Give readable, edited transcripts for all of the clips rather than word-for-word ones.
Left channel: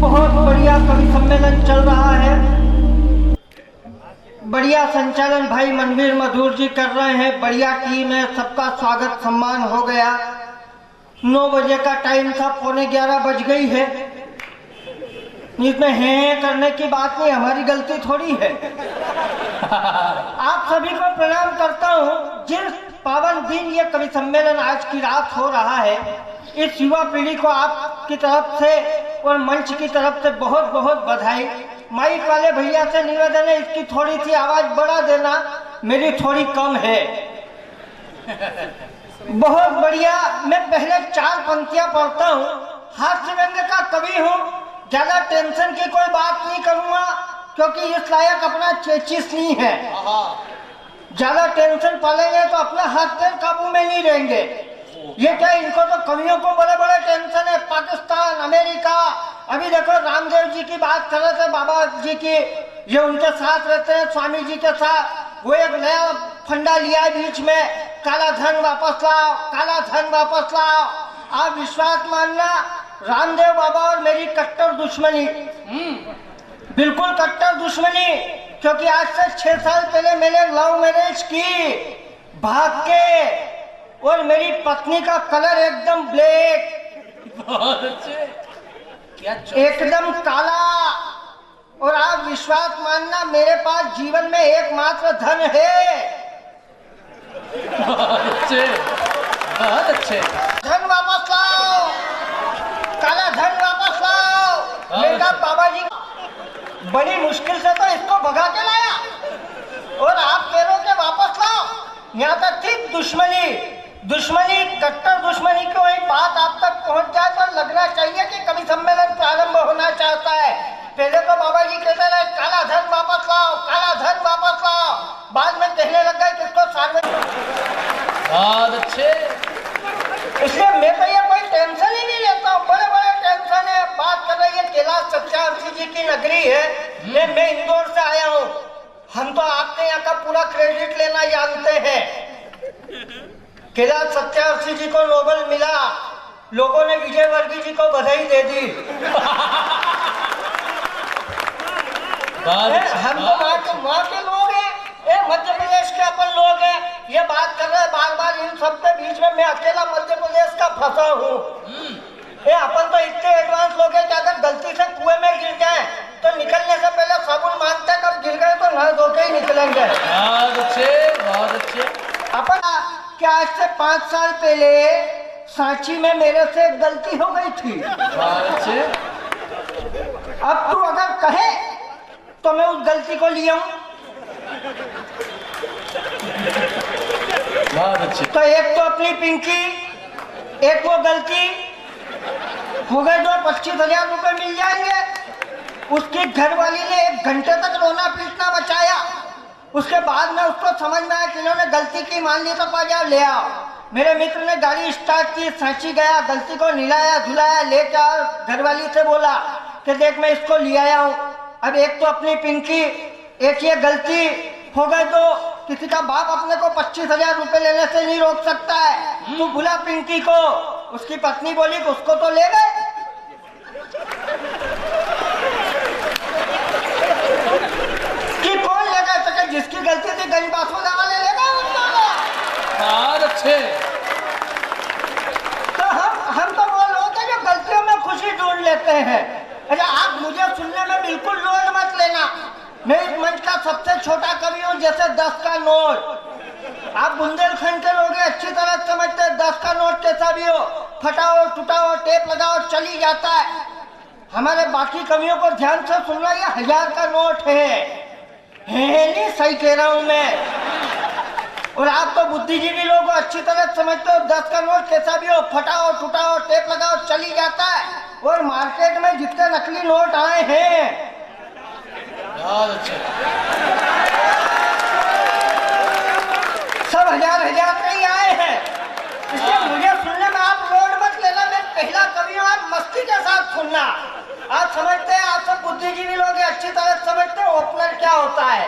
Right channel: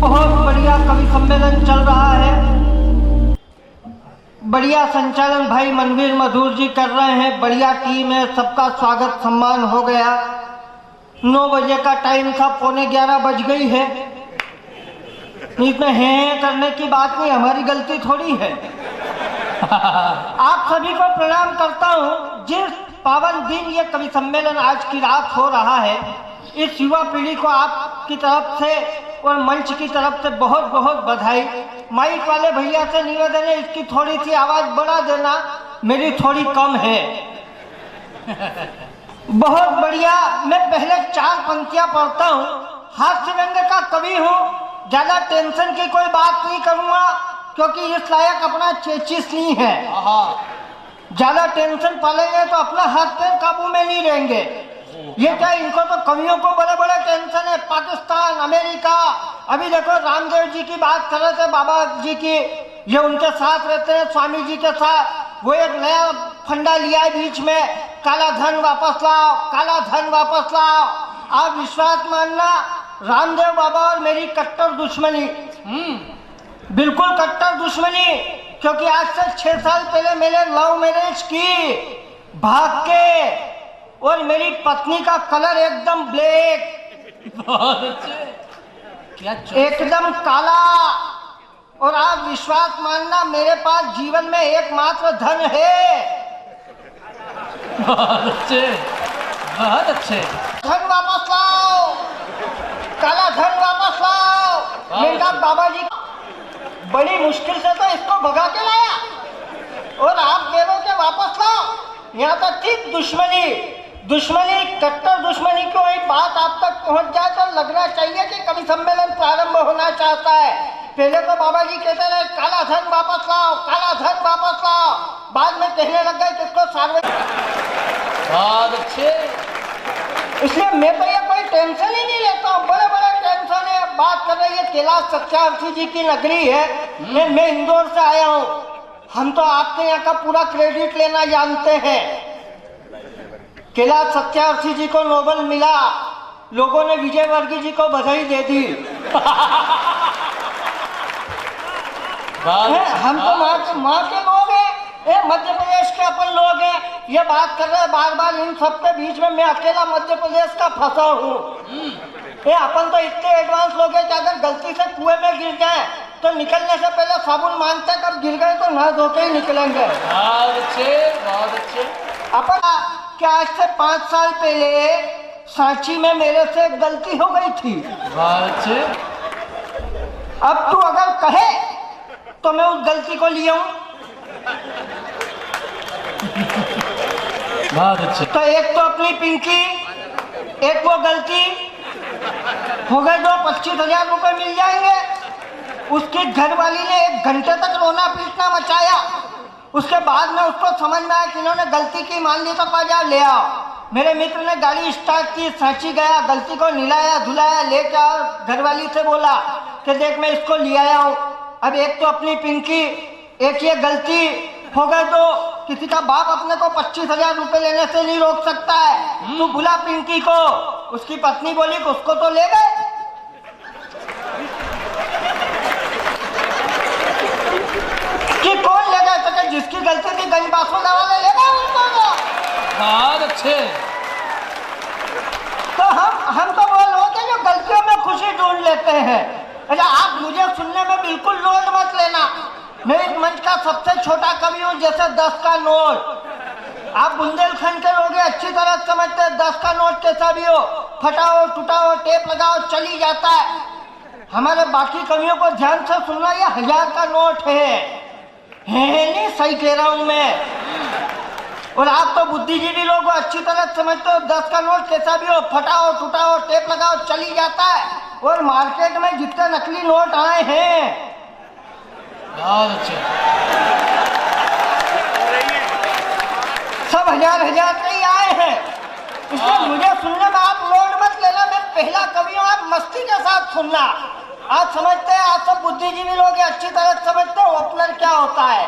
बहुत बढ़िया कवि सम्मेलन चल रहा है। बढ़िया संचालन भाई मनवीर मधुर जी कर रहे हैं। बढ़िया टीम है, सबका स्वागत सम्मान हो गया। 9 बजे का टाइम था, 11:15 बज गई है। इसमें हैं करने की बात नहीं, हमारी गलती थोड़ी है। आप सभी को प्रणाम करता हूँ। जिस पावन दिन ये कवि सम्मेलन आज की रात हो रहा है, इस युवा पीढ़ी को आपकी तरफ से और मंच की तरफ से बहुत बहुत बधाई। माइक वाले भैया से निवेदन है, इसकी थोड़ी सी आवाज बढ़ा देना, मेरी थोड़ी कम है। बहुत बढ़िया। मैं पहले 4 पंक्तियां पढ़ता हूँ। हास्य व्यंग का कवि हूँ, ज्यादा टेंशन की कोई बात नहीं करूंगा क्योंकि इस लायक अपना चेचिस नहीं है। ज्यादा टेंशन पालेंगे तो अपना हाथ पैर काबू में नहीं रहेंगे। ये क्या, इनको तो कवियों को बड़े बड़े टेंशन है। पाकिस्तान, अमेरिका, अभी देखो रामदेव जी की बात कर रहे थे, बाबा जी की, ये उनके साथ रहते हैं, स्वामी जी के साथ। वो एक नया फंडा लिया है बीच में, काला धन वापस लाओ, काला धन वापस लाओ। आप विश्वास मानना, रामदेव बाबा और मेरी कट्टर दुश्मनी, बिल्कुल कट्टर दुश्मनी। क्योंकि आज से 6 साल पहले मैंने लव मैरिज की भाग के, और मेरी पत्नी का कलर एकदम ब्लैक, बहुत अच्छे, क्या एकदम काला। और आप विश्वास मानना, मेरे पास जीवन में एकमात्र धन है। बहुत अच्छे, बहुत अच्छे। धन वापस लाओ, काला धन वापस लाओ। मैंने कहा बाबा जी, बड़ी मुश्किल से तो इसको भगा के लाया और आप कह रहे हो कि वापस लाओ। यहाँ तक थी दुश्मनी, कट्टर दुश्मनी की वही बात आप तक पहुँच जाए तो लगना चाहिए कि कवि सम्मेलन प्रारंभ होना चाहता है। पहले तो बाबा जी कहते रहे काला धन वापस लाओ, काला धन वापस लाओ, बाद में कहने लग गए किसको सार्वजनिक। बहुत अच्छे। इसलिए मैं तो ये कोई टेंशन ही नहीं लेता हूँ। बड़े बड़े टेंशन है। बात कर रही है कैलाश सत्यार्थी जी की नगरी है। मैं इंदौर से आया हूँ। हम तो आपके यहाँ का पूरा क्रेडिट लेना जानते हैं। कैलाश सत्यार्थी जी को नोबेल मिला, लोगों ने विजय वर्गीय जी को बधाई दे दी। हम तो वहाँ के लोग हैं, मध्य प्रदेश के अपन लोग हैं। ये बात कर रहे हैं बार बार, इन सबके बीच में मैं अकेला मध्य प्रदेश का फंसा हूँ। अपन तो इतने एडवांस लोग हैं कि अगर गलती से कुएं में गिर जाए तो निकलने से पहले साबुन मानते हैं, कब गिर गए तो नहा धो के ही निकलेंगे। बहुत अच्छे, बहुत अच्छे। अपन क्या आज से 5 साल पहले सांची में मेरे से एक गलती हो गई थी। बहुत अच्छे। अब तू अगर कहे तो मैं उस गलती को लिया हूँ। बहुत अच्छे। तो एक तो अपनी पिंकी, एक वो गलती हो गए, जो 25,000 रुपए मिल जाएंगे। उसकी घरवाली ने 1 घंटे तक रोना पीटना मचाया। उसके बाद में उसको समझ में आया कि इन्होंने गलती की, मान ली तो बाजार ले आओ। मेरे मित्र ने गाड़ी स्टार्ट की, सांची गया, गलती को नहलाया धुलाया, लेके आओ। घरवाली से बोला कि देख मैं इसको ले आया हूँ। अब एक तो अपनी पिंकी, एक ये गलती हो गए। तो किसी का बाप अपने को 25,000 रुपए लेने से नहीं रोक सकता है। तू बुला पिंकी को। उसकी पत्नी बोली कि उसको तो ले गए। कि कौन ले गए? तो जिसकी गलती थी गंज बासोदा वाले ले गए उसको। बहुत अच्छे। तो हम तो वो लोग हैं जो गलतियों में खुशी ढूंढ लेते हैं। अच्छा, आप मुझे सुनने में बिल्कुल लोड मत लेना। मैं इस मंच का सबसे छोटा कवि हूँ, जैसे 10 का नोट। आप बुंदेलखंड के लोग अच्छी तरह समझते हैं 10 का नोट कैसा भी हो, फटा हो, टूटा हो, टेप लगाओ, चली जाता है। हमारे बाकी कवियों को ध्यान से सुनना, ये 1000 का नोट है नहीं, सही कह रहा हूँ मैं। और आप तो बुद्धिजीवी लोग अच्छी तरह समझते हो 10 का नोट कैसा भी हो, फटा हो, टूटा हो, टेप लगाओ, चली जाता है। और मार्केट में जितने नकली नोट आए हैं, बहुत अच्छे, सब हजार नहीं आए हैं। इसलिए मुझे सुनने में आप लोड मत लेना। मैं पहला कवि हूँ, आप मस्ती के साथ सुनना। आप समझते हैं, आप सब बुद्धिजीवी लोग अच्छी तरह समझते हैं ओपनर क्या होता है।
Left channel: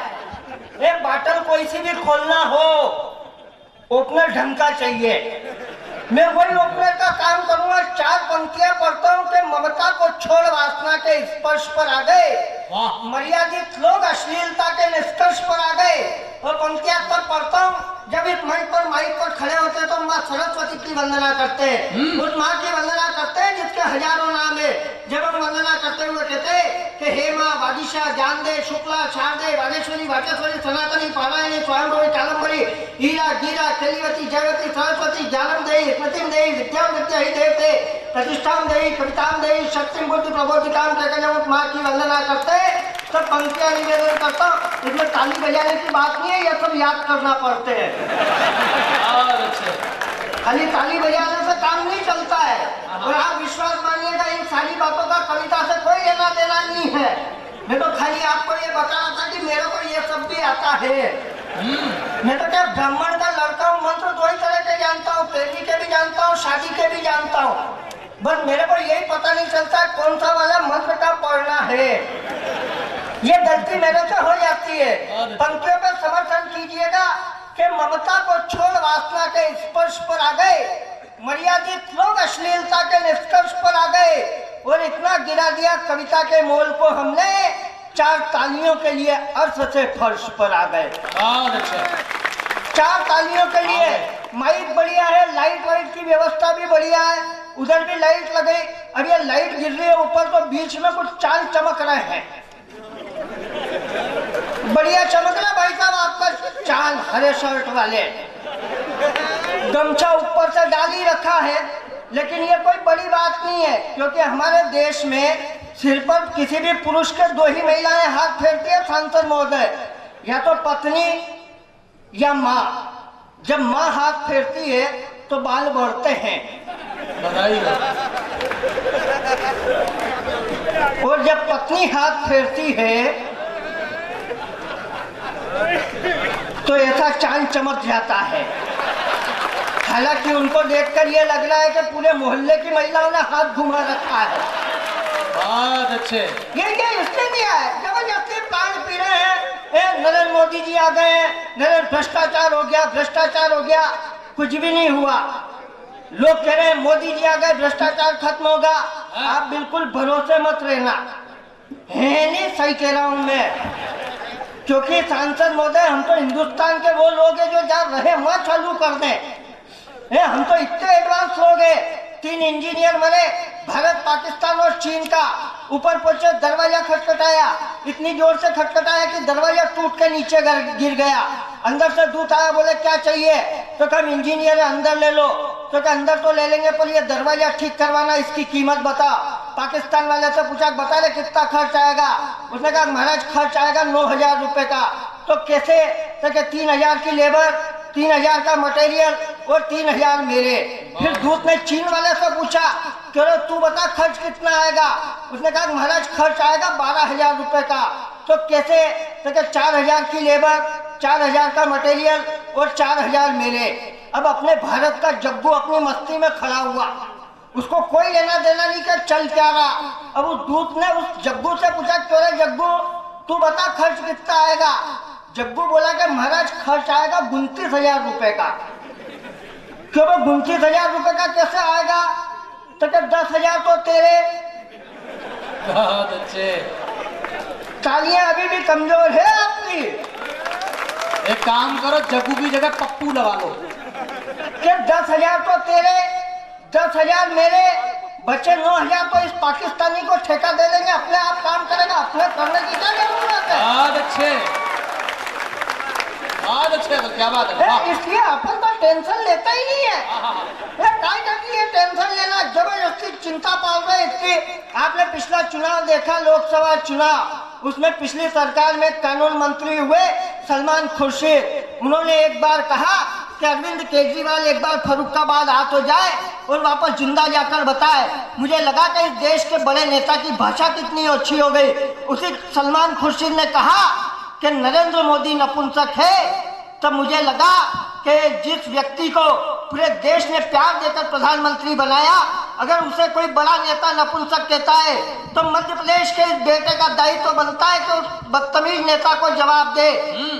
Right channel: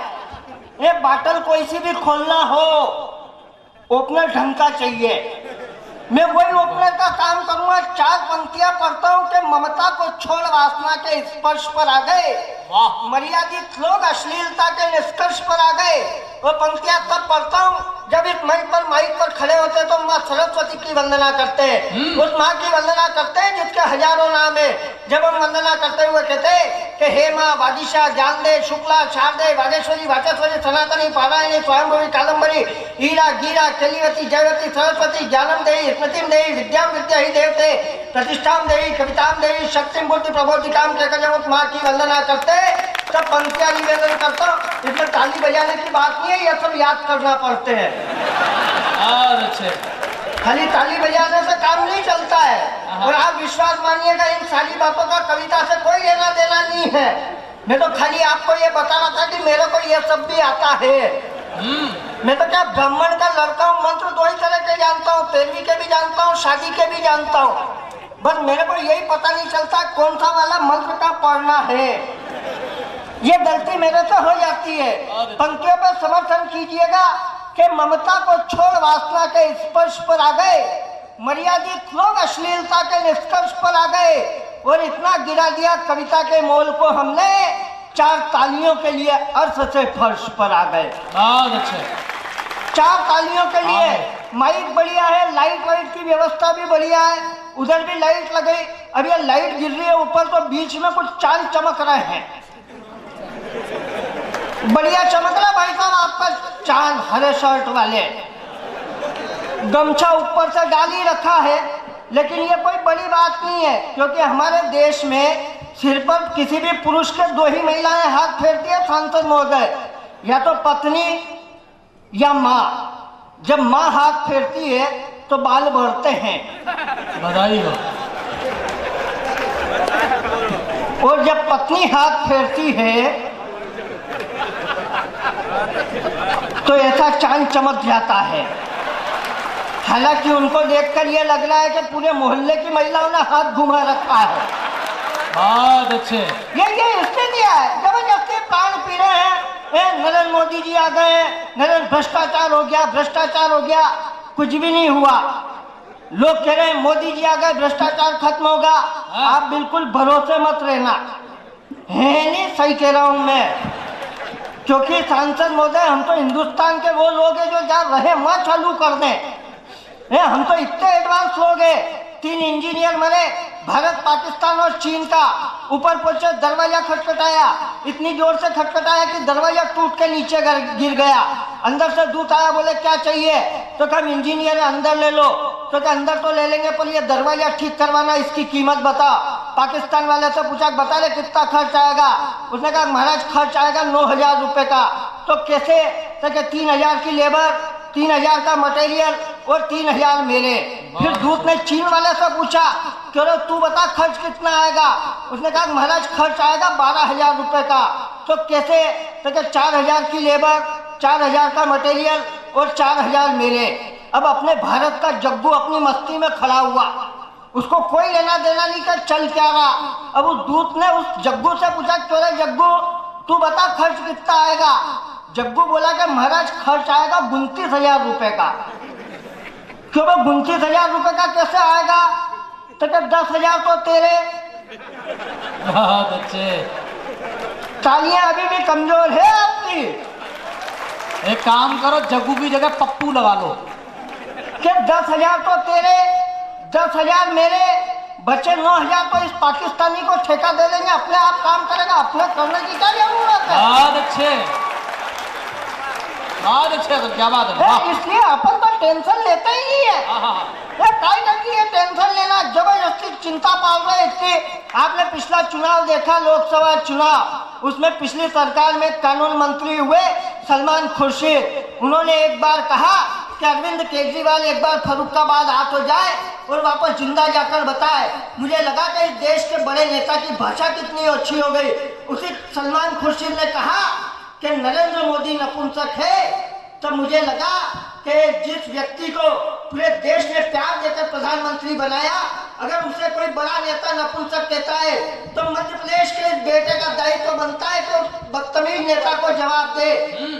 एक बाटल कोई सी भी खोलना हो, ओपनर ढंग का चाहिए। मैं वही ओपनर का काम करूंगा। 4 पंक्तियां पढ़ता हूँ कि ममता को छोड़ वासना के स्पर्श पर आ गए, वाह मर्यादित लोग अश्लीलता के निष्कर्ष पर आ गए। वो पंक्तियां तब पढ़ता हूँ जब इस मंच पर माइक पर खड़े होते तो माँ सरस्वती की वंदना करते हैं, उस माँ की वंदना करते हैं जिसके हजारों नाम है। जब हम वंदना करते हुए कहते कि हे माँ वादिशा ज्ञान दे, शुक्ला शारदे, वागेश्वरी, वाचस्वरी, सनातनी, पारायणी, स्वयंभवी, कादम्बरी, हीरा, गीरा, कलिवती, जयवती, सरस्वती, ज्ञानम देहि, स्मृतिम देहि, विद्याम विद्या ही देवते, प्रतिष्ठाम देहि, कविताम देहि, शक्तिम बुद्धि प्रबोधिकाम कहकर जब उस माँ की वंदना करते सब पंक्तियां निवेदन करता हूँ। इसमें ताली बजाने की बात नहीं है, यह सब याद करना पड़ते हैं। बहुत अच्छे। खाली ताली बजाने से काम नहीं चलता है। और आप विश्वास मानिएगा इन सारी बातों का कविता से कोई लेना देना नहीं है। मैं तो खाली आपको ये बता रहा था कि मेरे को ये सब भी आता है। मैं तो क्या ब्राह्मण का लड़का हूँ, मंत्र 2 ही तरह के जानता हूँ, पैरवी के भी जानता हूँ, शादी के भी जानता हूँ। बस मेरे को यही पता नहीं चलता कौन सा वाला मंत्र का पढ़ना है। ये गलती मेरे से हो जाती है। पंक्तियों पर समर्थन कीजिएगा कि ममता को छोड़ वासना के स्पर्श पर आ गए, मर्यादित लोग अश्लीलता के निष्कर्ष पर आ गए और इतना गिरा दिया कविता के मोल को हमने 4 तालियों के लिए अर्थ से फर्श पर आ गए। बहुत अच्छे। 4 तालियों के लिए माइक बढ़िया है, लाइट वाइट की व्यवस्था भी बढ़िया है, उधर भी लाइट लगी। अब ये लाइट गिर रही है ऊपर तो बीच में कुछ चाल चमक रहे हैं, बढ़िया चमक रहा भाई साहब आपका चाल। हरे शर्ट वाले गमछा ऊपर से डाल ही रखा है, लेकिन ये कोई बड़ी बात नहीं है क्योंकि हमारे देश में सिर पर किसी भी पुरुष के 2 ही महिलाएं हाथ फेरती है सांसद महोदय, या तो पत्नी या माँ। जब माँ हाथ फेरती है तो बाल बढ़ते हैं, बधाई हो। और जब पत्नी हाथ फेरती है तो ऐसा चांद चमक जाता है। हालांकि उनको देखकर ये लग रहा है कि पूरे मोहल्ले की महिलाओं ने हाथ घुमा रखा है। बहुत अच्छे। ये इसलिए दिया है जबरदस्ती पान पी रहे हैं, नरेंद्र मोदी जी आ गए हैं, नरेंद्र भ्रष्टाचार हो गया, भ्रष्टाचार हो गया। कुछ भी नहीं हुआ। लोग कह रहे हैं मोदी जी आ गए भ्रष्टाचार खत्म होगा। आप बिल्कुल भरोसे मत रहना, है नहीं सही कह रहा हूं मैं, क्योंकि सांसद महोदय हम तो हिंदुस्तान के वो लोग हैं जो जहाँ रहे वहाँ चालू कर दें। हम तो इतने एडवांस लोग हैं। 3 इंजीनियर मरे, भारत पाकिस्तान और चीन का ऊपर पहुंचे, दरवाजा खटखटाया, इतनी जोर से खटखटाया कि दरवाजा टूट के नीचे गिर गया। अंदर से दूत आया, बोले क्या चाहिए, तो कहा इंजीनियर अंदर ले लो, तो क्या अंदर तो ले लेंगे पर ये दरवाजा ठीक करवाना इसकी कीमत बता। पाकिस्तान वाले से पूछा बता रहे कितना खर्च आएगा, उसने कहा महाराज खर्च आएगा 9,000 रुपए का। तो कैसे, तो क्या 3,000 की लेबर, 3,000 का मटेरियल और 3,000 मेरे। फिर दूत ने चीन वाले से पूछा चलो तू बता खर्च कितना आएगा, उसने कहा महाराज खर्च आएगा 12,000 रुपए का। तो कैसे, तो क्या 4,000 की लेबर, 4,000 का मटेरियल और 4,000 मेरे। अब अपने भारत का जग्गू अपनी मस्ती में खड़ा हुआ, उसको कोई लेना देना नहीं कर चल क्या रहा। अब उस दूत ने उस जग्गू से पूछा क्यों जग्गू तू बता खर्च कितना आएगा। जग्गू बोला कि महाराज खर्च आएगा 29,000 रुपए का। क्यों 29,000 रुपए का कैसे आएगा, तो क्या 10,000 तो तेरे। बहुत अच्छे। तालियां अभी भी कमजोर है आपकी। एक काम करो जग्गू की जगह पप्पू लगा लो। क्या 10,000 तो तेरे, 10,000 मेरे, बचे 9,000 तो इस पाकिस्तानी को ठेका दे देंगे, अपने आप काम करेगा, अपने करने की क्या जरूरत है। बहुत अच्छे, बहुत अच्छे। तो क्या बात है, इसलिए अपन तो टेंशन लेता ही नहीं है। काय करती है टेंशन लेना, जबरदस्ती चिंता पाल रहे इसकी। आपने पिछला चुनाव देखा, लोकसभा चुनाव, उसमें पिछली सरकार में कानून मंत्री हुए सलमान खुर्शीद, उन्होंने एक बार कहा कि अरविंद केजरीवाल एक बार फर्रुखाबाद आ तो जाए और वापस जिंदा जाकर बताए। मुझे लगा कि इस देश के बड़े नेता की भाषा कितनी अच्छी हो गई। उसी सलमान खुर्शीद ने कहा कि नरेंद्र मोदी नपुंसक है। तब मुझे लगा कि जिस व्यक्ति को पूरे देश ने प्यार देकर प्रधानमंत्री बनाया, अगर उसे कोई बड़ा नेता नपुंसक कहता है तो मध्य प्रदेश के बेटे का दायित्व तो बनता है कि उस बदतमीज नेता को जवाब दे।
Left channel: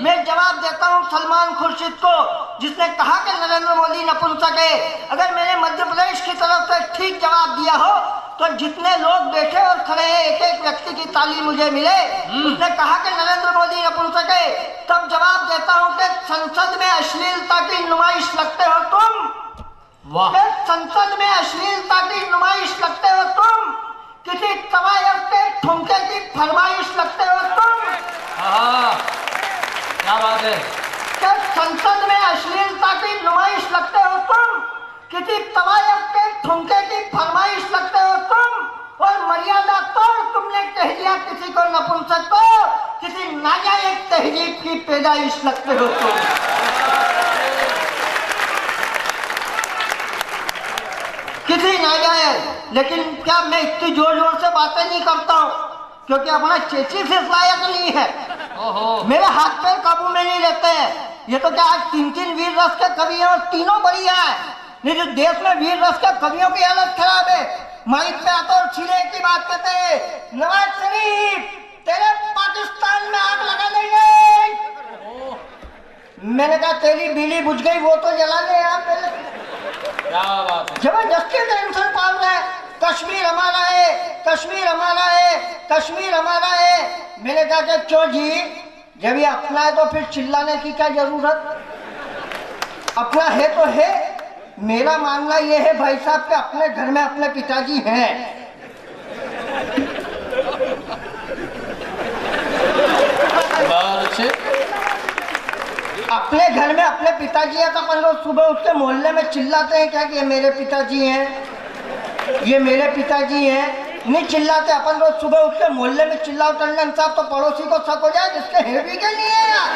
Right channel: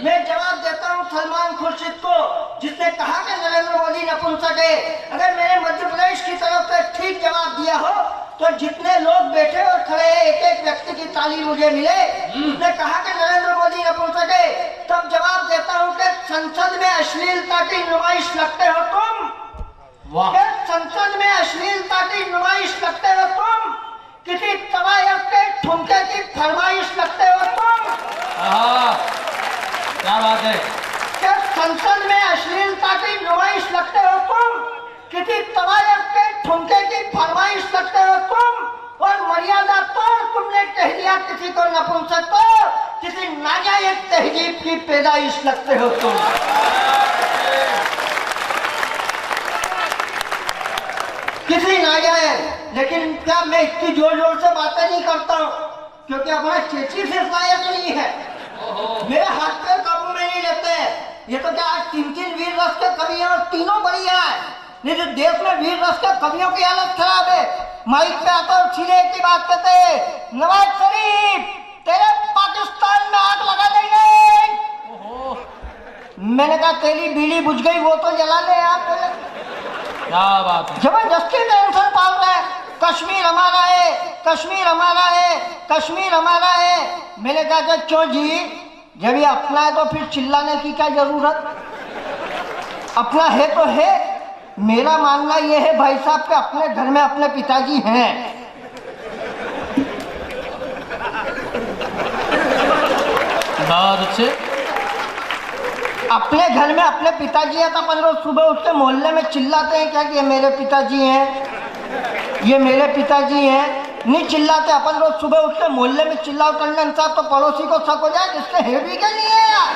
मैं जवाब देता हूँ सलमान खुर्शीद को, जिसने कहा कि नरेंद्र मोदी नपुंसक है। अगर मैंने मध्य प्रदेश की तरफ से ठीक जवाब दिया हो तो जितने लोग बैठे और खड़े हैं एक एक व्यक्ति की ताली मुझे मिले। उसने कहा कि नरेंद्र मोदी नपुंसक है, तब जवाब देता हूँ कि संसद में अश्लीलता की नुमाइश लगते हो तुम। वाह, संसद में अश्लीलता की नुमाइश लगते हो तुम, किसी तवायफ के ठुमके की फरमाइश लगते हो तुम। क्या बात है। संसद में अश्लीलता की नुमाइश लगते हो तुम, किसी तवायफ के ठुमके की फरमाइश लगते हो तुम, और मर्यादा तोड़ तुमने कह दिया किसी को नपुंसक को, किसी नाजायज तहजीब की पैदाइश लगते हो तुम। किसी नाजायज। लेकिन क्या मैं इतनी जोर जोर से बातें नहीं करता हूँ क्योंकि अपना चेची से लायक नहीं है, मेरे हाथ पैर काबू में नहीं रहते हैं। ये तो क्या आज 3 वीर रस के कवि हैं और तीनों बढ़िया है। नहीं तो देश में वीर रस के कवियों की हालत खराब है। माइक पे आते और सीधे एक ही बात कहते हैं, नवाज शरीफ तेरे पाकिस्तान में आग लगा देंगे। मैंने कहा तेरी बीड़ी बुझ गई वो तो जला ले यार। क्या बात है। जबरदस्ती टेंशन पाल रहे हैं, कश्मीर हमारा है, कश्मीर हमारा है, कश्मीर हमारा है। मैंने कहा कि क्यों जी, जब ये अपना है तो फिर चिल्लाने की क्या जरूरत। अपना है तो है। मेरा मानना ये है भाई साहब के अपने घर में अपने पिताजी हैं। बहुत अच्छे। अपने घर में अपने पिताजी है तो अपन लोग सुबह उठ के मोहल्ले में चिल्लाते हैं क्या कि ये मेरे पिताजी हैं, ये मेरे पिताजी हैं। नहीं चिल्लाते। अपन लोग सुबह उठ के मोहल्ले में चिल्लाओ टंडन साहब तो पड़ोसी को शक हो जाए, इसके है भी के नहीं है यार।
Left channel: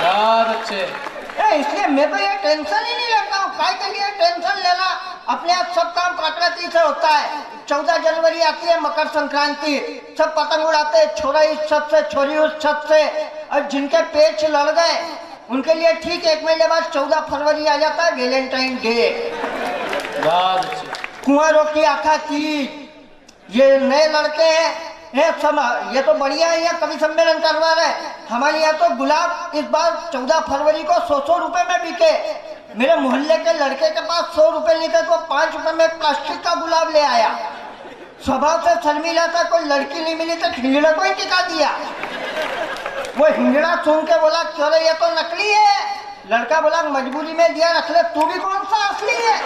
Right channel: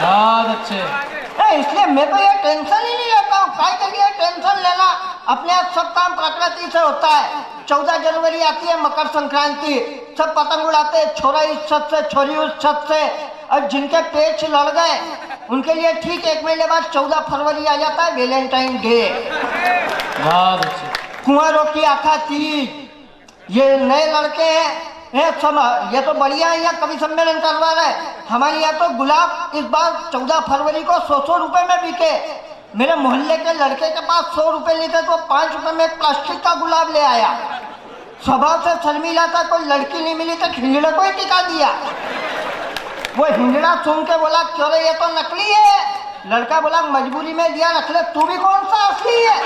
बहुत अच्छे। इसलिए मैं तो ये टेंशन ही नहीं लेता हूँ। काय के लिए टेंशन लेना, अपने आप सब काम प्रकृति से होता है। 14 जनवरी आती है, मकर संक्रांति, सब पतंग उड़ाते हैं, छोरा इस छत से छोरी उस छत से। और जिनके पेच लड़ गए उनके लिए ठीक 1 महीने बाद 14 फरवरी आ जाता है, वैलेंटाइन डे। बहुत अच्छे। कुंवारों की आखा तीज, ये नए लड़के हैं ये तो बढ़िया है। यहाँ कवि सम्मेलन करवा रहे। हमारे यहाँ तो गुलाब इस बार 14 फरवरी को 100 रुपए में बिके। मेरे मोहल्ले के लड़के के पास 100 रुपए नहीं थे तो 5 रुपए में प्लास्टिक का गुलाब ले आया। स्वभाव से शर्मीला था, कोई लड़की नहीं मिली तो हिंगड़ा को ही टिका दिया। वो हिंगड़ा सुन के बोला क्यों रे ये तो नकली है। लड़का बोला मजबूरी में दिया, रख ले, तू भी कौन सा असली है।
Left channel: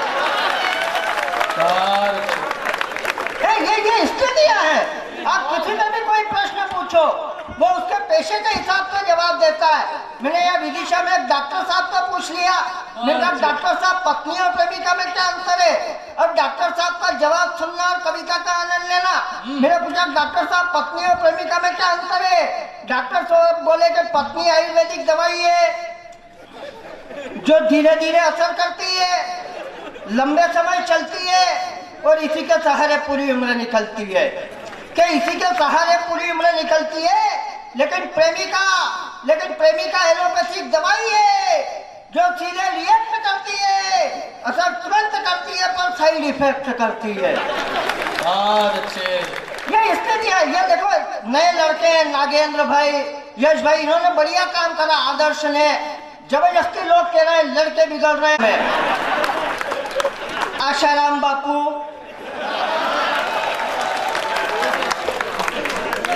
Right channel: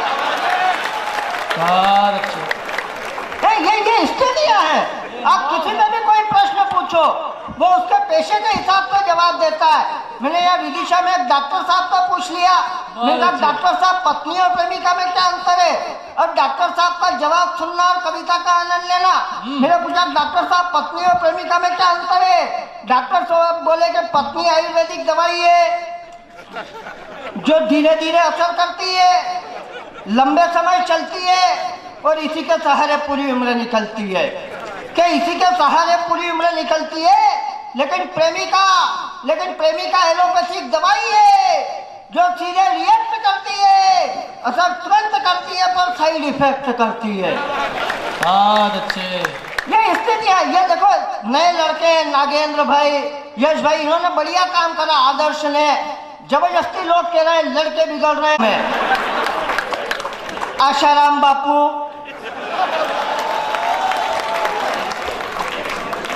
ये स्थितियां है। आप किसी से भी कोई प्रश्न पूछो वो उसके पेशे के हिसाब से जवाब देता है। मैंने यहाँ विदिशा में एक डॉक्टर साहब का पूछ लिया। मैंने कहा डॉक्टर साहब पत्नी और प्रेमिका में क्या अंतर है, और डॉक्टर साहब का जवाब सुनना और कविता का आनंद लेना। मैंने पूछा डॉक्टर साहब पत्नी और प्रेमिका में क्या अंतर है। डॉक्टर साहब बोले कि पत्नी आयुर्वेदिक दवाई है जो धीरे धीरे असर करती है, लंबे समय चलती है और इसी के सहारे पूरी उम्र निकलती है। कि इसी के सहारे पूरी उम्र निकलती है। लेकिन प्रेमिका एलोपैथिक दवाई है जो सीधे रिएक्ट करती है, असर तुरंत करती है पर साइड इफेक्ट करती है। बहुत अच्छे। ये स्थिति है। ये देखो नए लड़के नागेंद्र भाई, यश भाई, इन्होंने बढ़िया काम करा। आदर्श ने जबरदस्ती लोग कह रहे हैं लड़के बिगड़ रहे हैं। आशाराम बापू,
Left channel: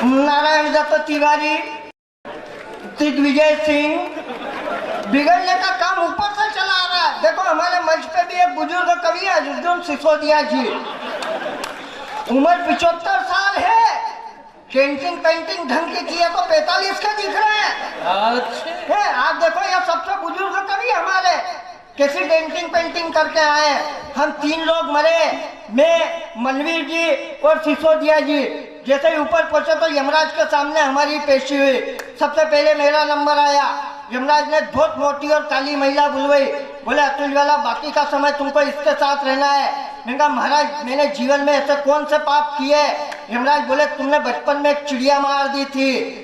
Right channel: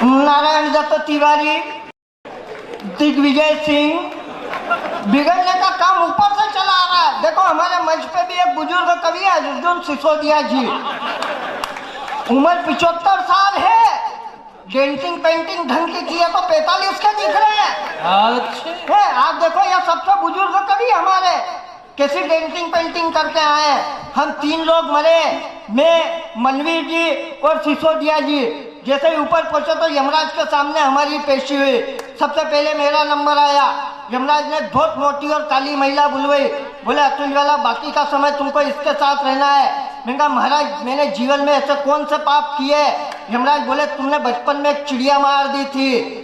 नारायण दत्त तिवारी, दिग्विजय सिंह, बिगड़ने का काम ऊपर से चला आ रहा है। देखो हमारे मंच पे भी एक बुजुर्ग कवि है अर्जुन सिसोदिया जी, उम्र 75 साल है, डेंटिंग पेंटिंग ढंग की है तो 45 के दिख रहे हैं। अच्छे। आप देखो यहाँ सबसे बुजुर्ग कवि हमारे कैसी डेंटिंग पेंटिंग करके आए। हम 3 लोग मरे, मैं, मनवीर जी और सिसोदिया जी। जैसे ही ऊपर पहुंचे तो यमराज के सामने हमारी पेशी हुई। सबसे पहले मेरा नंबर आया। यमराज ने बहुत मोटी और काली महिला बुलवाई। बोले अतुल वाला बाकी का समय तुमको इसके साथ रहना है। मैंने कहा महाराज मैंने जीवन में ऐसे कौन से पाप किए। यमराज बोले तुमने बचपन में एक चिड़िया मार दी थी।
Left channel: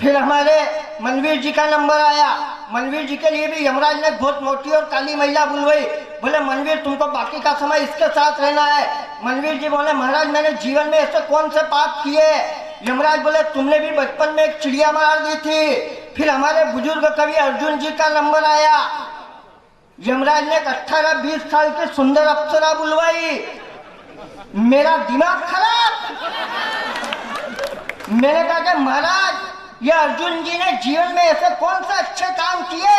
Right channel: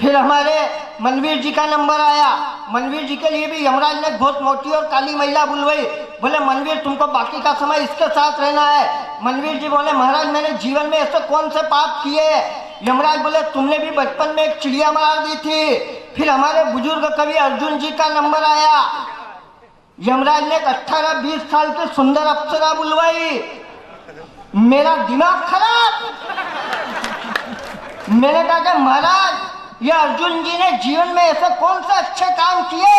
फिर हमारे मनवीर जी का नंबर आया। मनवीर जी के लिए भी यमराज ने बहुत मोटी और काली महिला बुलवाई। बोले मनवीर तुमको बाकी का समय इसके साथ रहना है। मनवीर जी बोले महाराज मैंने जीवन में ऐसे कौन से पाप किए। यमराज बोले तुमने भी बचपन में एक चिड़िया मार दी थी, फिर हमारे बुजुर्ग कवि अर्जुन जी का नंबर आया। यमराज ने 18-20 साल की सुंदर अप्सरा बुलवाई, मेरा दिमाग खराब। मैंने कहा कि महाराज ये अर्जुन जी ने जीवन में ऐसे कौन से अच्छे काम किए।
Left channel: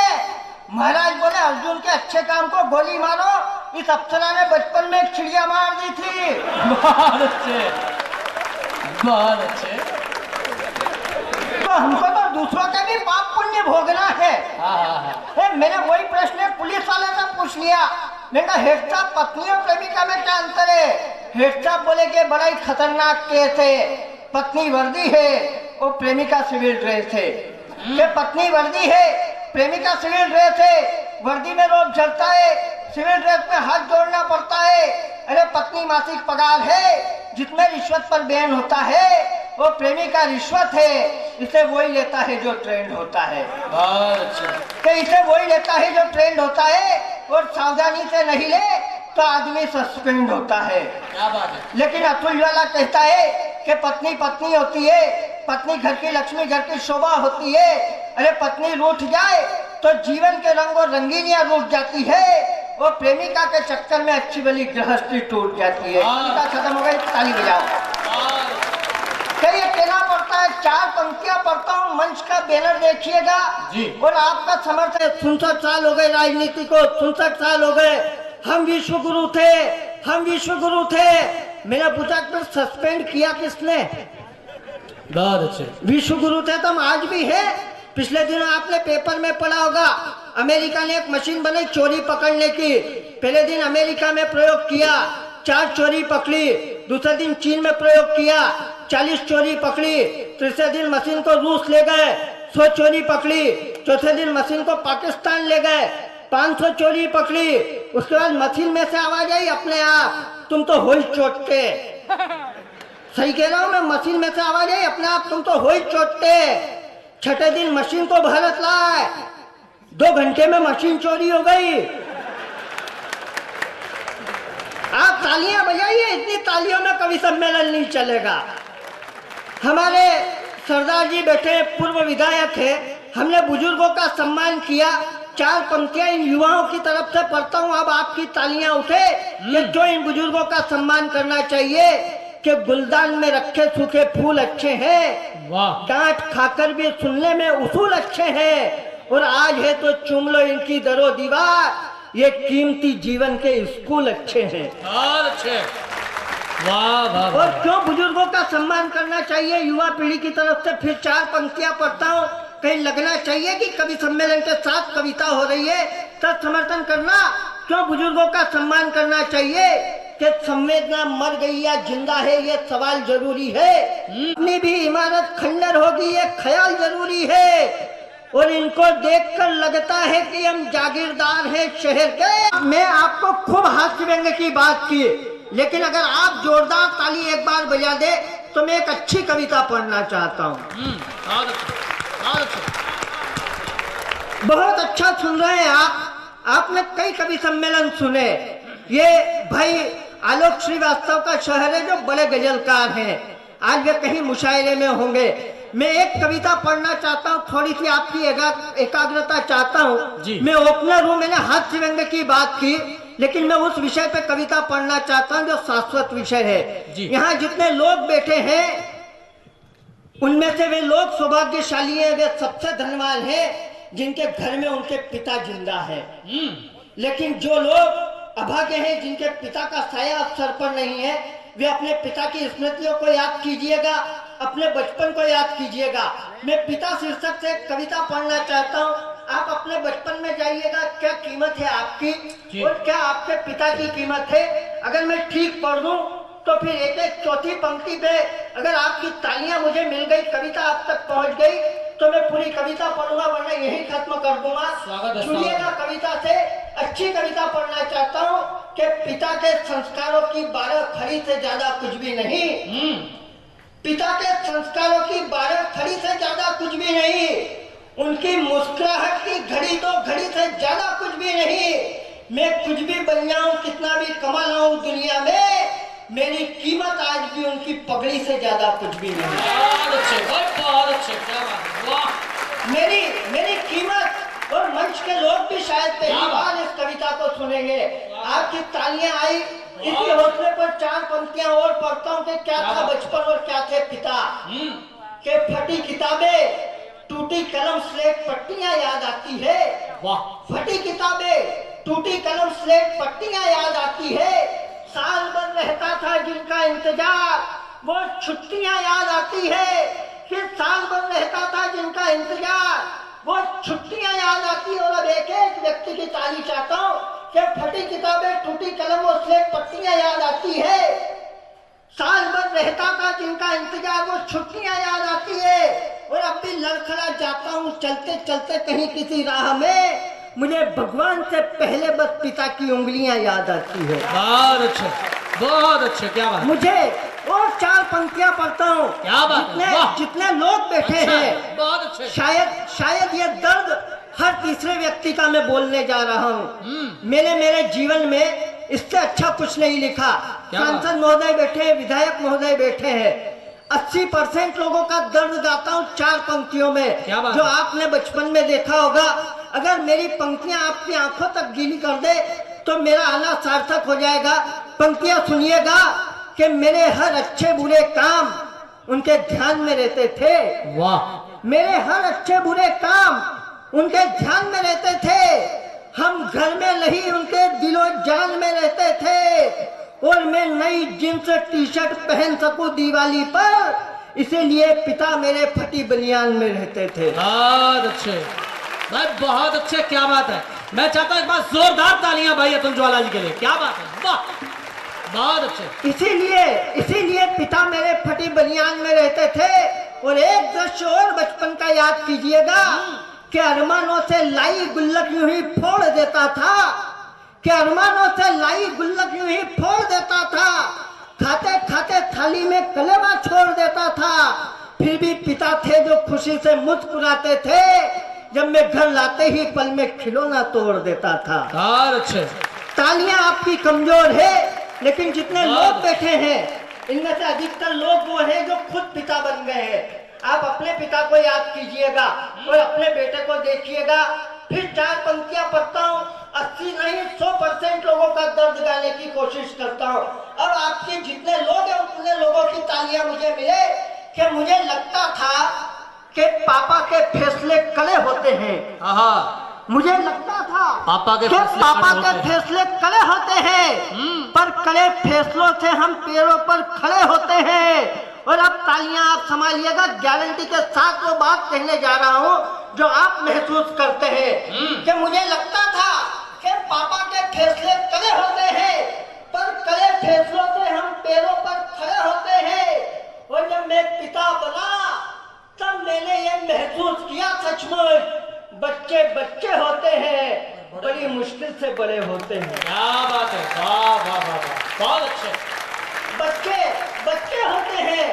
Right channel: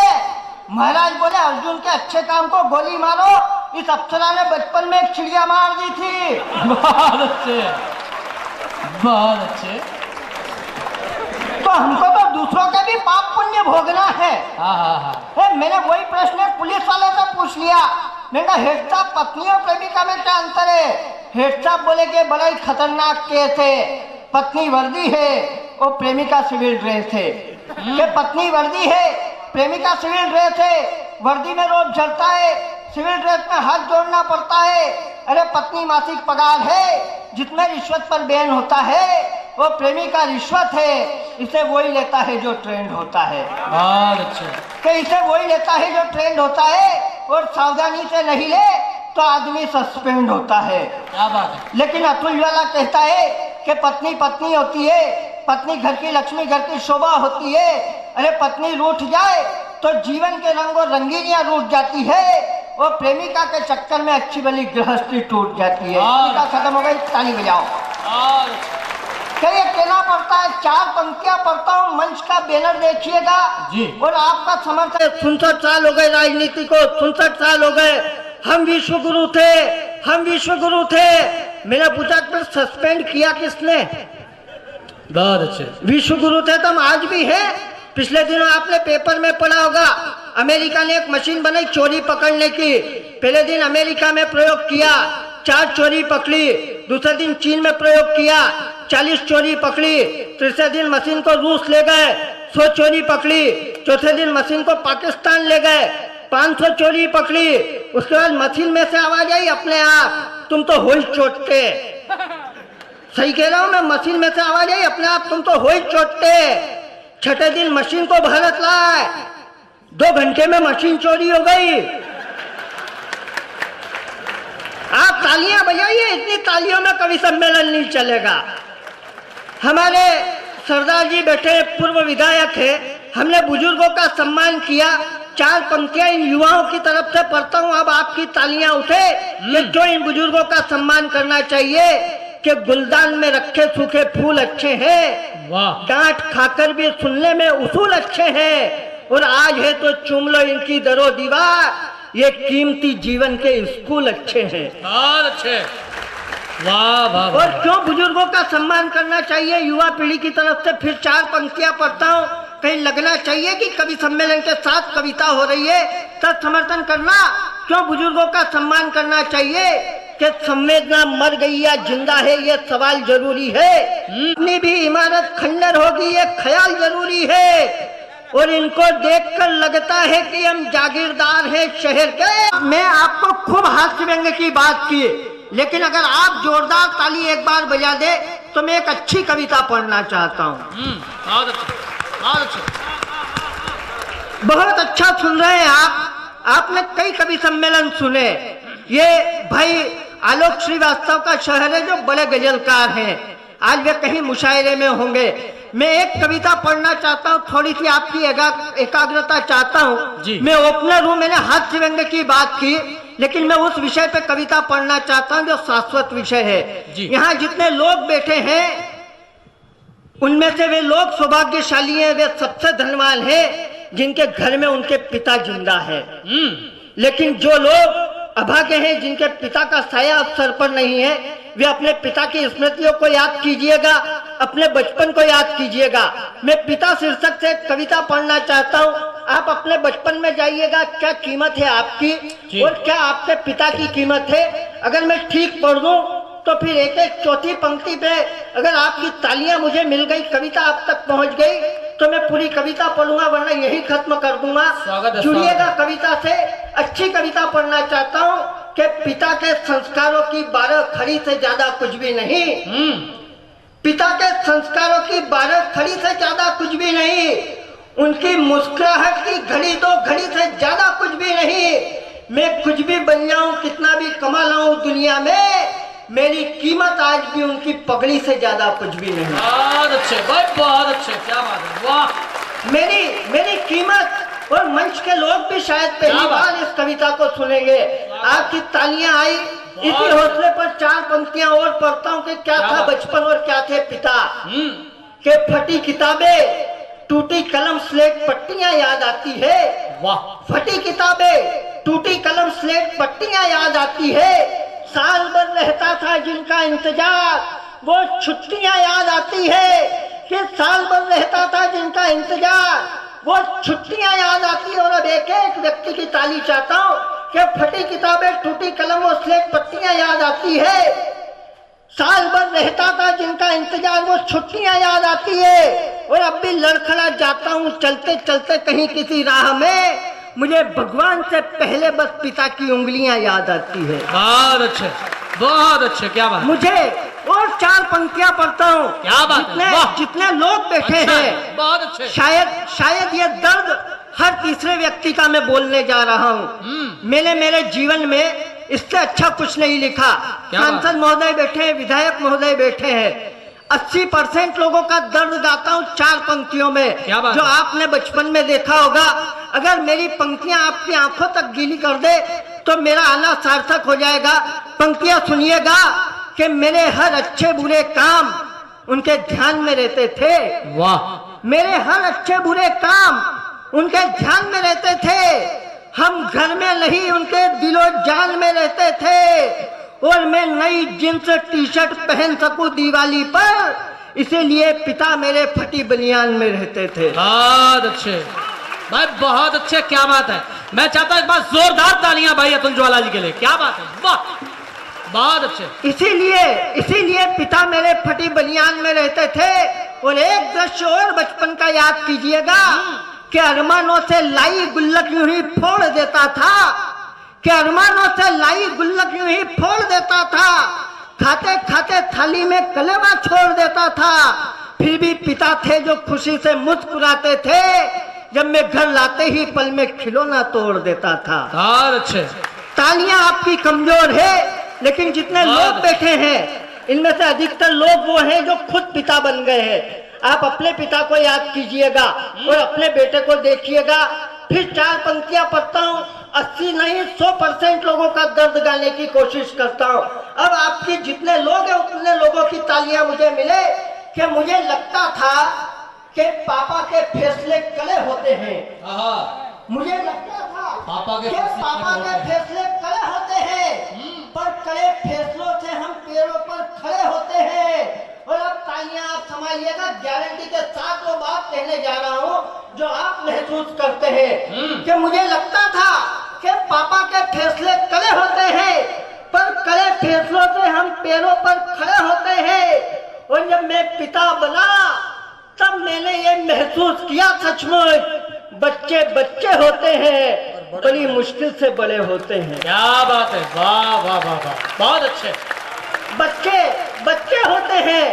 महाराज बोले अर्जुन के अच्छे काम को गोली मारो, इस अप्सरा ने बचपन में एक चिड़िया मार दी थी। बहुत अच्छे, बहुत अच्छे। तो हमको तो दूसरों के भी पाप पुण्य भोगना है। मैंने वही प्रश्न पुलिस वाले से पूछ लिया। मैंने कहा हेड साहब पत्नी और प्रेमिका में क्या अंतर है। हेड साहब बोले कि बड़ा ही खतरनाक केस है, पत्नी वर्दी है और प्रेमिका सिविल ड्रेस है। कि पत्नी वर्दी है, प्रेमिका सिविल ड्रेस है, वर्दी में रोब झड़ता है, सिविल ड्रेस में हाथ जोड़ना पड़ता है। अरे पत्नी मासिक पगार है, जिसमें रिश्वत पर बैन होता है, वो प्रेमिका रिश्वत है, इसे वही लेता है जो ट्रेंड होता है। बहुत अच्छे। कि इसे वही लेता है जो ट्रेंड होता है, और सावधानी से नहीं ले तो आदमी सस्पेंड होता है। क्या बात है। लेकिन अतुल वाला कहता है कि पत्नी पत्नी होती है, पत्नी घर की लक्ष्मी, घर की शोभा होती है। अरे पत्नी रूठ जाए तो जीवन के रंग और रंगीनियां रूठ जाती है, और प्रेमिका के चक्कर में अच्छी भली गृहस्थी टूट जाती है। टीका खत्म हो गई, ताली बजाओ। ये कहना पड़ता है, 4 पंक्तियां पढ़ता हूँ, मंच का बैनर देखिएगा जी। और आपका समर्थन। 67 साल हो गए राजनीति को, 67 साल हो गए। हम विश्व गुरु थे, हम विश्व गुरु थे। मैंने पूछा फिर सस्पेंड किया किसने। बहुत अच्छे। विश्व गुरु थे तो हम आज भी हैं। पिछले दिनों आपने पेपर में पढ़ा होगा, अमेरिका ने एक मशीन बनाई चोरी पकड़ने की। पहले दिन अमेरिका में प्रयोग किया, 4 चोरी पकड़ी। दूसरे दिन चीन में प्रयोग किया, 40 चोरी पकड़ी। तीसरे दिन मशीन को रूस ले गए, 100 चोरी पकड़ी। चौथे दिन मशीन को पाकिस्तान ले गए, 500 चोरी पकड़ी। उसके बाद मशीन में से आवाज आई अपने आप, तुम तो हो ही चोटते। सही कह रहा हूं मैं, मशीन में से आवाज आई अपने आप, तुम तो हो ही चोटते। छठे दिन मशीन को भारत लाए, 2 घंटे में मशीन चोरी हो गई। आप तालियां बजाइए, इतनी तालियों में कवि सम्मेलन नहीं चलेगा। हमारे सरदार जी बैठे, पूर्व विधायक है, हमने बुजुर्गों का सम्मान किया। 4 पंक्तियां इन युवाओं की तरफ से पढ़ता हूं, अब आपकी तालियां उठे कि जो इन बुजुर्गों का सम्मान करना चाहिए। कि गुलदान में रखे सूखे फूल अच्छे हैं, वाह। डांट खाकर भी सुनने में उसूल अच्छे हैं, और आज है तो चूम लो इनकी दरो दीवार, ये कीमती जीवन के स्कूल अच्छे हैं। बहुत अच्छे, वाह वाह। और क्यों बुजुर्गों का सम्मान करना चाहिए युवा पीढ़ी की तरफ से फिर 4 पंक्तियां पढ़ता हूँ। कहीं लगना चाहिए कि कवि सम्मेलन के साथ कविता हो रही है, तब समर्थन करना। क्यों बुजुर्गों का सम्मान करना चाहिए कि संवेदना मर गई या जिंदा है, ये सवाल जरूरी है। अपनी भी इमारत खंडर होगी, ये ख्याल जरूरी है। और इनको देखकर लगता है कि हम जागीरदार हैं शहर के। मैं आपको खूब हास्य व्यंग्य की बात की, लेकिन अगर आप जोरदार ताली एक बार बजा दे तो मैं एक अच्छी कविता पढ़ना चाहता हूँ। बहुत अच्छे, बहुत अच्छे। बहुत अच्छा सुन रहे हैं आप। आपने कई कवि सम्मेलन सुने। ये भाई आलोक श्रीवास्तव का शहर है जो बड़े गजलकार हैं, आज वे कहीं मुशायरे में होंगे। मैं एक कविता पढ़ना चाहता हूँ, थोड़ी सी आपकी एकाग्रता चाहता हूँ। मैं ओपनर हूँ, मैंने हास्य व्यंग्य की बात की, लेकिन मैं उस विषय पे कविता पढ़ना चाहता हूँ जो शाश्वत विषय है। यहाँ जितने लोग बैठे हैं उनमें से वे लोग सौभाग्यशाली हैं, वे सबसे धनवान हैं जिनके घर में उनके पिता जिंदा है। लेकिन जो लोग अभागे हैं, जिनके पिता का साया अब सर पर नहीं है, वे अपने पिता की स्मृतियों को याद कीजिएगा, अपने बचपन को याद कीजिएगा। मैं पिता शीर्षक से कविता पढ़ना चाहता हूँ। आप अपने बचपन में जाइएगा, क्या कीमत है आपकी और क्या आपके पिता की कीमत है। अगर मैं ठीक पढ़ दूं तो फिर एक चौथी पंक्ति पे अगर आपकी तालियां मुझे मिल गई, कविता आप तक पहुंच गई, तो मैं पूरी कविता पढ़ूंगा, वरना यही खत्म कर दूंगा। जुड़िएगा कविता से। अच्छी कविता पढ़ना चाहता हूँ कि पिता के संस्कारों की 12 खड़ी से ज्यादा कुछ भी नहीं। पिता के संस्कारों की 12 खड़ी से ज्यादा कुछ भी नहीं। उनकी मुस्कुराहट की घड़ी 2 घड़ी से ज्यादा कुछ भी नहीं। मैं कुछ भी बन जाऊं, कितना भी कमा लाऊं दुनिया में, मेरी कीमत आज भी उनकी पगड़ी से ज्यादा कुछ भी नहीं। बहुत अच्छे भाई, बहुत अच्छे, क्या बात है, वाह। मेरी कीमत, और मंच के लोग भी शायद पहली बार इस कविता को सुनेंगे। आपकी तालियां आई, इसी हौसले पर चार पंक्तियां और पढ़ता हूँ कि क्या था बचपन और क्या थे पिता। के फटी किताबें, टूटी कलम, स्लेट, पट्टियां याद आती है। वाह। फटी किताबें, टूटी कलम, स्लेट, पट्टियां याद आती है। साल भर रहता था जिनका इंतजार, वो छुट्टियां याद आती है। कि साल भर रहता था जिनका इंतजार, वो छुट्टियां याद आती है। और अब एक एक व्यक्ति की ताली चाहता हूँ कि फटी किताबें, टूटी कलम और स्लेट, पट्टियां याद आती है। साल भर रहता था जिनका इंतजार, वो छुट्टियां याद आती है। और अब भी लड़खड़ा जाता हूँ चलते चलते कहीं किसी राह में, मुझे भगवान से पहले बस पिता की उंगलियां याद आती है। बहुत अच्छे, बहुत अच्छे, क्या बात। मुझे और चार पंक्तियां पढ़ता हूँ। क्या बात है, जितने लोग बैठे अच्छा, हैं, बहुत अच्छे। शायद ये दर्द हर तीसरे व्यक्ति का मैं बोलने जा रहा हूँ। मेरे जीवन में इससे अच्छा कुछ नहीं लिखा। सांसद महोदय बैठे हैं, विधायक महोदय बैठे हैं, 80% लोगों का दर्द गाता हूँ चार पंक्तियों में, जो आपने बचपन में देखा होगा। अगर मेरी पंक्तियां आपकी आंखों तक गीली कर दे तो मेरा आना सार्थक हो जाएगा। पंक्तियां सुनिएगा कि मेरे हर अच्छे बुरे काम उनके ध्यान में रहते थे। वाह। मेरे हर अच्छे बुरे काम उनके ध्यान में रहते थे। हम घर में नहीं उनके दिलो जान में रहते थे। और मैं नई जींस टी शर्ट पहन सकूं दिवाली पर, इसीलिए पिता मेरे फटी बनियान में रहते थे। बहुत अच्छे भाई, बहुत अच्छे, क्या बात है। मैं चाहता हूं एक बार जोरदार तालियां भाई अतुल ज्वाला जी के लिए, क्या बात है, वाह, बहुत अच्छे। इसीलिए पिता मेरे फटी बनियान में रहते थे। और एक दृश्य और बचपन का याद कीजिएगा कि अरमानों से लाई गुल्लक यूं ही फोड़ देता था। कि अरमानों से लाई गुल्लक यूं ही फोड़ देता था। खाते खाते थाली में कलेवा छोड़ देता था। फिर भी पिता थे जो खुशी से मुस्कुराते थे। जब मैं घर लाते ही पल में खिलौना तोड़ देता था। बहुत अच्छे। तालियां आपकी कमजोर है, लेकिन जितने लोग बैठे हैं इनमें से अधिकतर लोग वो हैं जो खुद पिता बन गए हैं। आप अपने पिता को याद कीजिएगा और अपने बेटे को देखिएगा। फिर चार पंक्तियां पढ़ता हूँ, 80 नहीं 100% लोगों का दर्द गाने की कोशिश करता हूँ। अब आपके जितने लोग हैं उतने लोगों की तालियां मुझे मिले। कि मुझे लगता था कि पापा के फैसले कड़े होते हैं। मुझे लगता था पापा के फैसले कड़े होते हैं, पर कड़े फैसलों से हम पैरों पर खड़े होते हैं। और अब तालियां आप संभालिएगा, गारंटी के साथ वो बात कहने जा रहा हूँ जो आप महसूस करते हैं। कि मुझे लगता था कि पापा के फैसले कड़े होते हैं, पर कड़े फैसलों से हम पैरों पर खड़े होते हैं। और जब मैं पिता बना तब मैंने ये महसूस किया, सचमुच बच्चे बच्चे होते हैं, बड़ी मुश्किल से बड़े होते हैं। क्या बात है, वाह वाह वाह वाह, बहुत अच्छे। बच्चे होते हैं,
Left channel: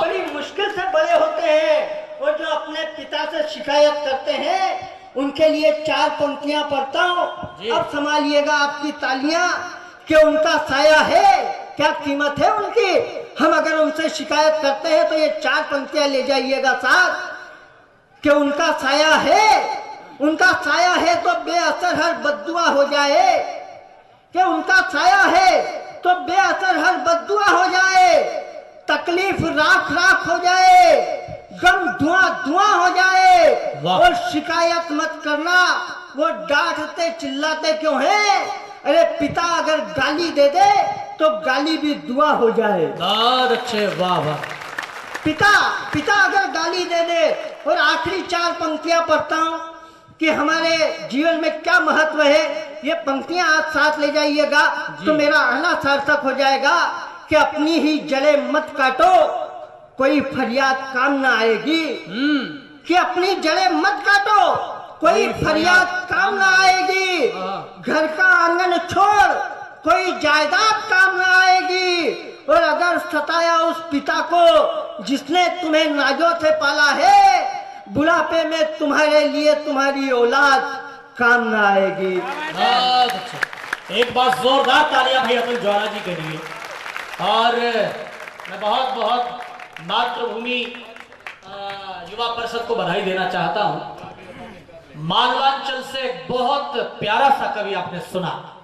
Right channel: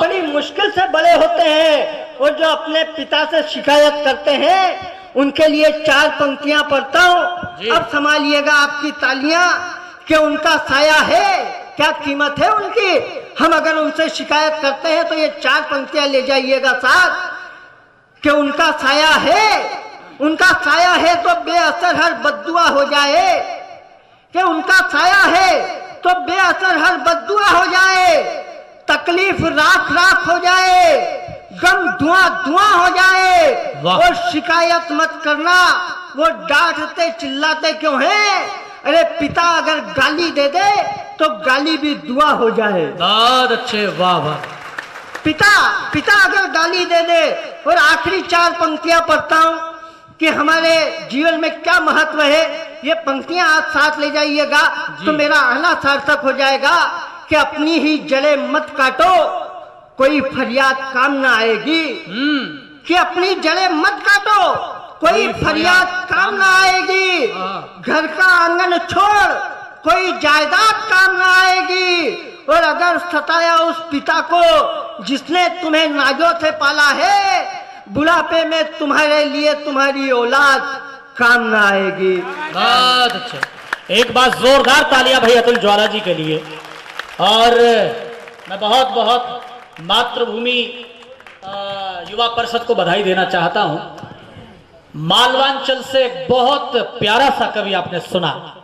बड़ी मुश्किल से बड़े होते हैं। और जो अपने पिता से शिकायत करते हैं उनके लिए चार पंक्तियां पढ़ता हूँ। अब संभालिएगा आपकी तालियां कि उनका साया है, क्या कीमत है उनकी। हम अगर उनसे शिकायत करते हैं तो ये चार पंक्तियां ले जाइएगा साथ कि उनका साया है तो बेअसर हर बद्दुआ हो जाए। कि उनका साया है तो बेअसर हर बद्दुआ हो जाए। तकलीफ राख राख हो जाए, गम धुआं धुआं हो जाए। और शिकायत मत करना, वो डांटते चिल्लाते क्यों हैं। अरे पिता अगर गाली दे दे तो गाली भी दुआ हो जाए। बहुत अच्छे, वाह वाह। पिता अगर गाली दे दे। और आखिरी चार पंक्तियां पढ़ता हूं कि हमारे जीवन में क्या महत्व है। ये पंक्तियां आप साथ ले जाइएगा तो मेरा आना सार्थक हो जाएगा। कि अपनी ही जड़े मत काटो, कोई फरियाद काम ना आएगी। कि अपनी जड़े मत काटो, कोई फरियाद काम ना आएगी। घर का आंगन छोड़, कोई जायदाद काम ना आएगी। और अगर सताया उस पिता को जिसने तुम्हें नाजों से पाला है, बुढ़ापे में तुम्हारे लिए तुम्हारी औलाद काम ना आएगी। बहुत अच्छा। एक बार जोरदार तालियां भाई अतुल ज्वाला जी के लिए। और मैं बहुत बहुत मातृभूमि युवा परिषद को बधाई देना चाहता हूं। मालवांचल से बहुत प्यारा सा कवि आपने सुना।